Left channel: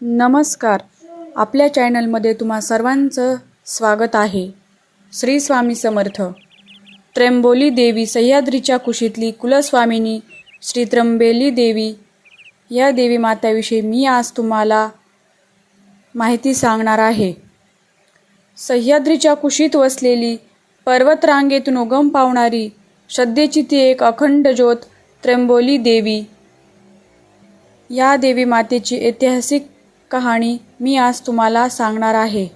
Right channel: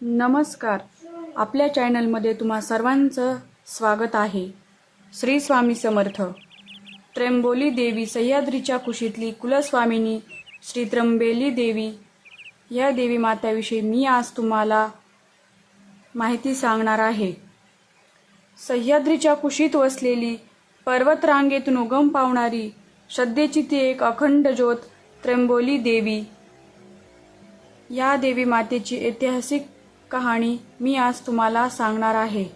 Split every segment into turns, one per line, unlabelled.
नमस्कार. आपल्या चॅनलमध्ये तुम्हा सर्वांचं स्वागत आहे. श्री स्वामी समर्थ. त्र्यंबोली देवी सह्याद्रीच्या कुशीतली कुलस्वामिनी श्री त्र्यंबेली देवी. या देवी माताविषयी मी आज तुम्हाला माहिती सांगणार आहे. सह्याद्रीच्या कुशीत वसलेली पर्वतरांगेतून उगम पावणारी श्रद्धेची ती एक अखंड ज्योत त्र्यंबोली देवी. या देवी मातेची ऐतिहासिक कहाणी मी आज तुम्हाला सांगणार आहे.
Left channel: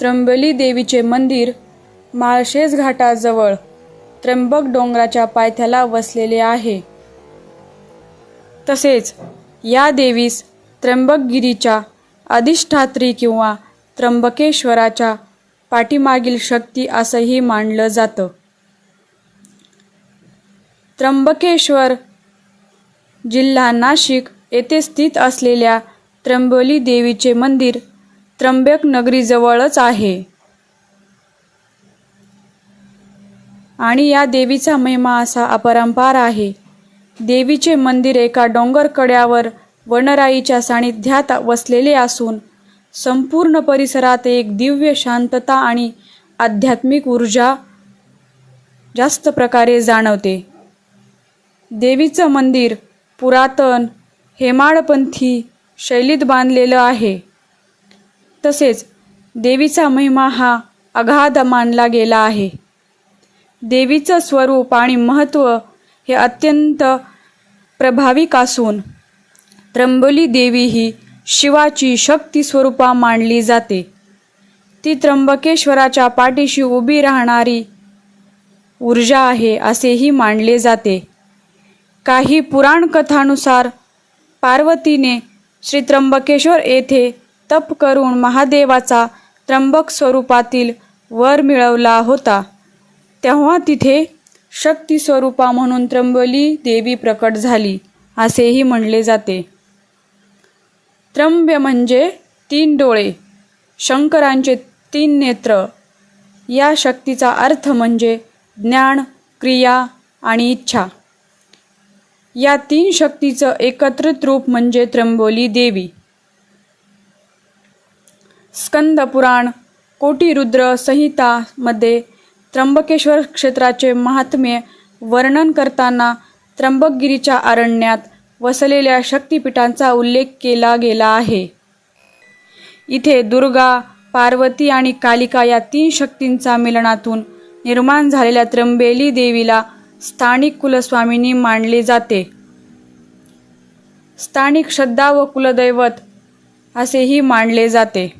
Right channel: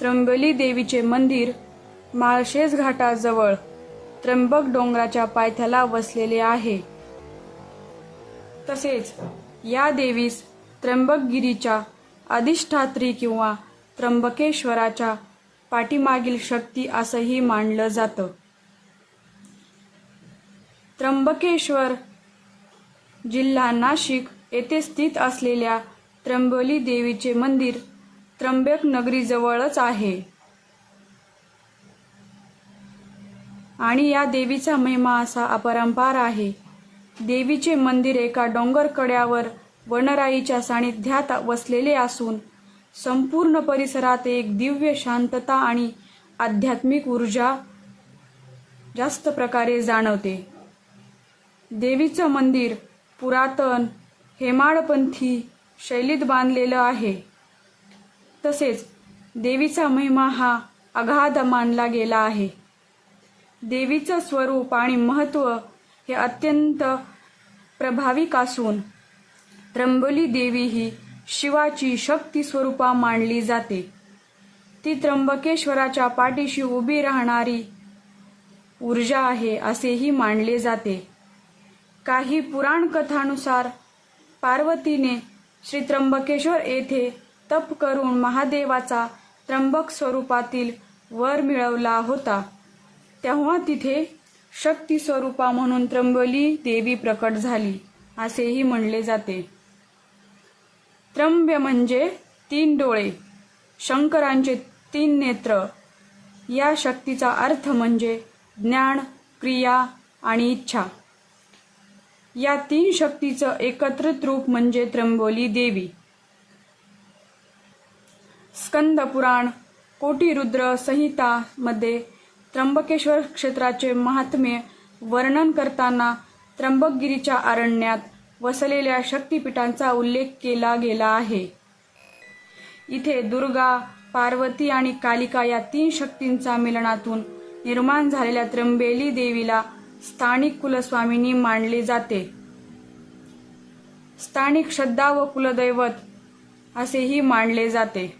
त्र्यंबली देवीचे मंदिर माळशेज घाटाजवळ त्र्यंबक डोंगराच्या पायथ्याला वसलेले आहे. तसेच या देवीस त्र्यंबकगिरीच्या अधिष्ठात्री किंवा त्र्यंबकेश्वराच्या पाठीमागील शक्ती असंही मानलं जातं. त्र्यंबकेश्वर जिल्हा नाशिक येथे स्थित असलेल्या त्र्यंबोली देवीचे मंदिर त्र्यंबक नगरीजवळच आहे. आणि या देवीचा महिमा असा अपरंपार आहे. देवीचे मंदिर एका डोंगर कड्यावर वनराईच्या सानिध्यात वसलेले असून संपूर्ण परिसरात एक दिव्य शांतता आणि आध्यात्मिक ऊर्जा जास्त प्रकारे जाणवते. देवीचं मंदिर पुरातन हेमाडपंथी शैलीत बांधलेलं आहे. तसेच देवीचा महिमा हा अगाध मानला गेला आहे. देवीचं स्वरूप आणि महत्त्व हे अत्यंत प्रभाविक असून त्र्यंबोली देवी ही शिवाची शक्ती स्वरूपा मानली जाते. ती त्र्यंबकेश्वराच्या पाठीशी उभी राहणारी ऊर्जा आहे असेही मानले जाते. काही पुराण कथानुसार पार्वतीने श्री त्र्यंबकेश्वर येथे तप करून महादेवाचा त्र्यंबक स्वरूपातील वर मिळवला होता. तेव्हा तिथे शक्ती स्वरूपा म्हणून त्र्यंबली देवी प्रकट झाली असेही म्हणले जाते. त्र्यंब्य म्हणजे तीन डोळे शंकरांचे तीन नेत्र. या शक्तीचा अर्थ म्हणजे ज्ञान क्रिया आणि इच्छा. या तीन शक्तीचं एकत्रित रूप म्हणजे त्र्यंबोली देवी. स्कंद पुराण कोटीरुद्र संहितामध्ये त्र्यंबकेश्वर क्षेत्राचे महात्म्य वर्णन करताना त्र्यंबकगिरीच्या अरण्यात वसलेल्या शक्तिपीठांचा उल्लेख केला गेला आहे. इथे दुर्गा पार्वती आणि कालिका या तीन शक्तींचा मिलनातून निर्माण झालेल्या त्र्यंबेली देवीला स्थानिक कुलस्वामिनी मानले जाते. स्थानिक श्रद्धा व कुलदैवत असेही मानले जाते.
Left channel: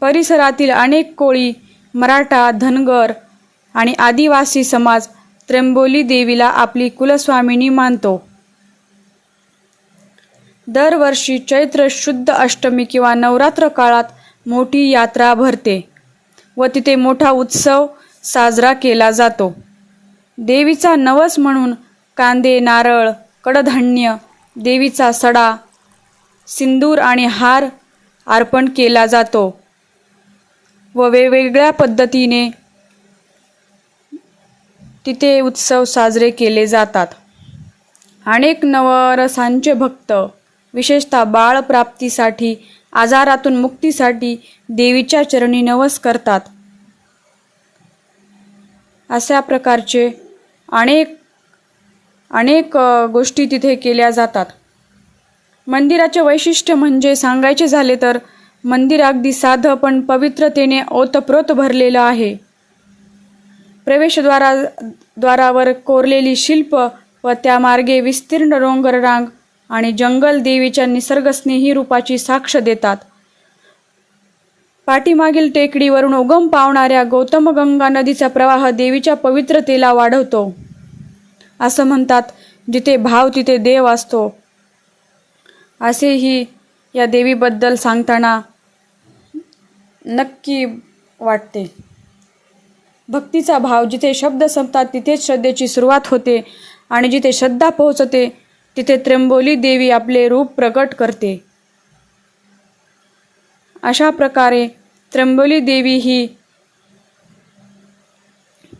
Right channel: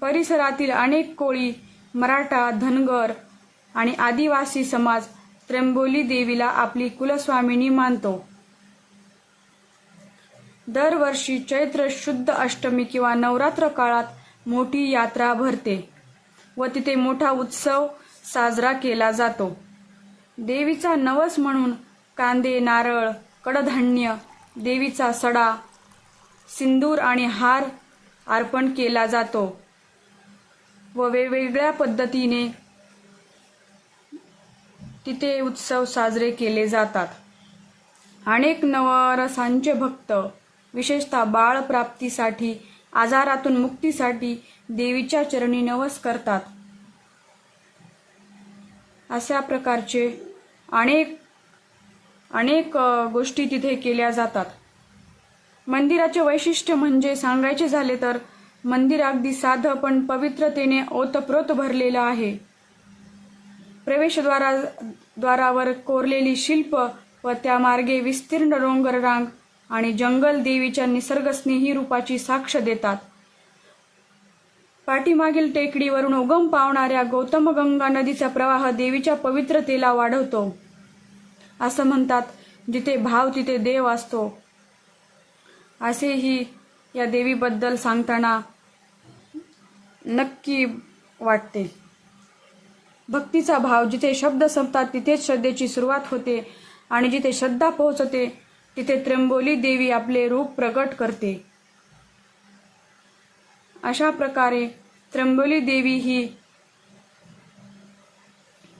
परिसरातील अनेक कोळी मराठा धनगर आणि आदिवासी समाज त्र्यंबोली देवीला आपली कुलस्वामिनी मानतो. दरवर्षी चैत्र शुद्ध अष्टमी किंवा नवरात्र काळात मोठी यात्रा भरते व तिथे मोठा उत्सव साजरा केला जातो. देवीचा नवस म्हणून कांदे नारळ कडधान्य देवीचा सडा सिंदूर आणि हार अर्पण केला जातो व वेगवेगळ्या पद्धतीने तिथे उत्सव साजरे केले जातात. अनेक नवरसांचे भक्त विशेषतः बाळप्राप्तीसाठी आजारातून मुक्तीसाठी देवीच्या चरणी नवस करतात. अशा प्रकारचे अनेक अनेक गोष्टी तिथे केल्या जातात. मंदिराचे वैशिष्ट्य म्हणजे सांगायचे झाले तर मंदिर अगदी साधं पण पवित्रतेने ओतप्रोत भरलेलं आहे. प्रवेशद्वारा द्वारावर कोरलेली शिल्प व त्या मार्गे विस्तीर्ण रोंगररांग आणि जंगल देवीच्या निसर्गस्नेही रूपाची साक्ष देतात. पाठीमागील टेकडीवरून उगम पावणाऱ्या गौतमगंगा नदीचा प्रवाह देवीच्या पवित्रतेला वाढवतो. असं म्हणतात जिथे भाव तिथे देव असतो. असेही या देवीबद्दल सांगताना नक्की वाटते. भक्तीचा भाव जिथे शब्द संपतात तिथेच श्रद्धेची सुरुवात होते आणि जिथे श्रद्धा पोहोचते तिथे त्र्यंबोली देवी आपले रूप प्रकट करते. अशा प्रकारे त्र्यंबोली देवी ही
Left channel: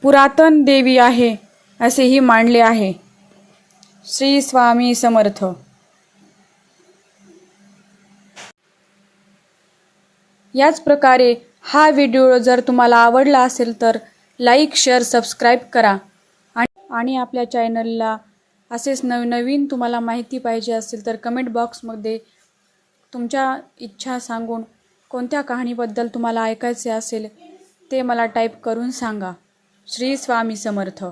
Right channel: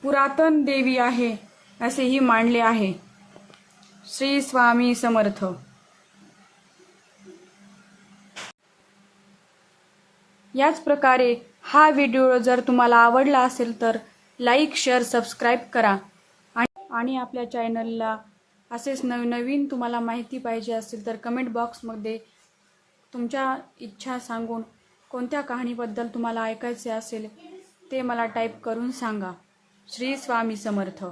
पुरातन देवी आहे असेही मांडले आहे. श्री स्वामी समर्थ. याच प्रकारे हा व्हिडिओ जर तुम्हाला आवडला असेल तर लाईक शेअर सबस्क्राईब करा. आणि आपल्या चॅनलला असेच नवनवीन तुम्हाला माहिती पाहिजे असेल तर कमेंट बॉक्समध्ये तुमच्या इच्छा सांगून कोणत्या कहाणीबद्दल तुम्हाला ऐकायचे असेल ते मला टाईप करून सांगा. श्री स्वामी समर्थ.